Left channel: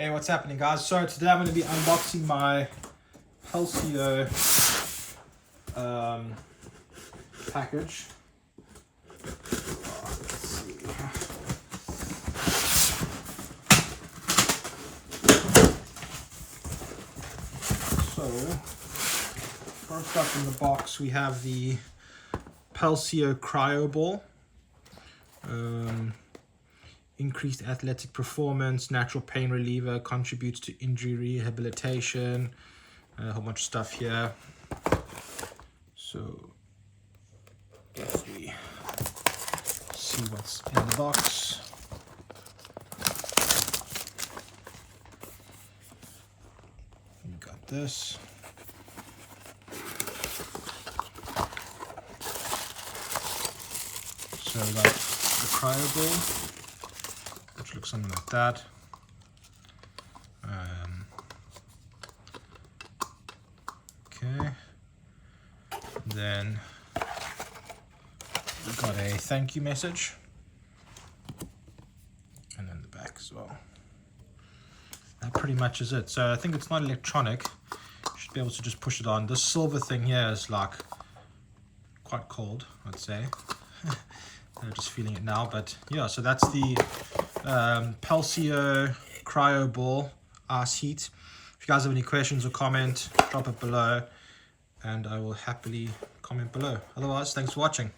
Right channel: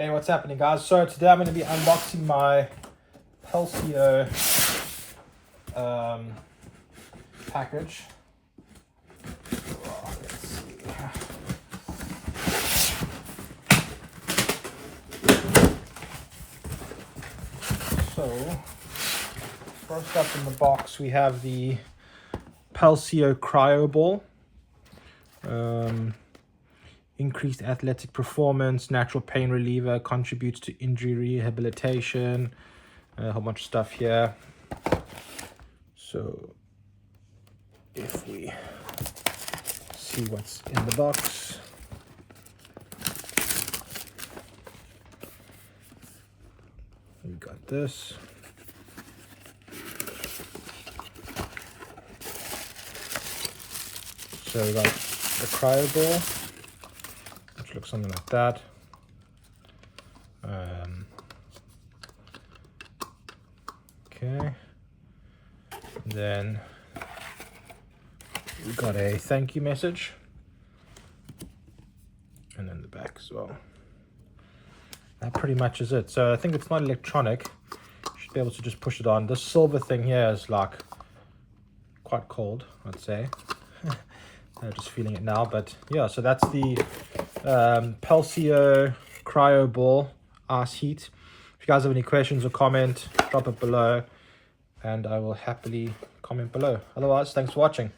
Hey, what's happening, guys? So today I'm going to be unboxing my Pulsio package. Let's see. So first up in the box we have the Pulsio CryoBall. Increased athletic performance, natural pain reliever, contributes to injury rehabilitation, a whole bunch of stuff here. So if we see what's in the box, we got this. So we got the CryoBall, which looks something like that. Okay. Then we got a thank you message, and then the back as well. That pretty much is it. So I think it's not electronic. You should be able to just push it on. This silver thing here is like quite cold, I'd say. I'm just feeling it now, but yeah, so that's the Pulsio CryoBall ice heat. If you guys have any questions or comment, drop it below and I will happily comment below. Otherwise, thanks for watching.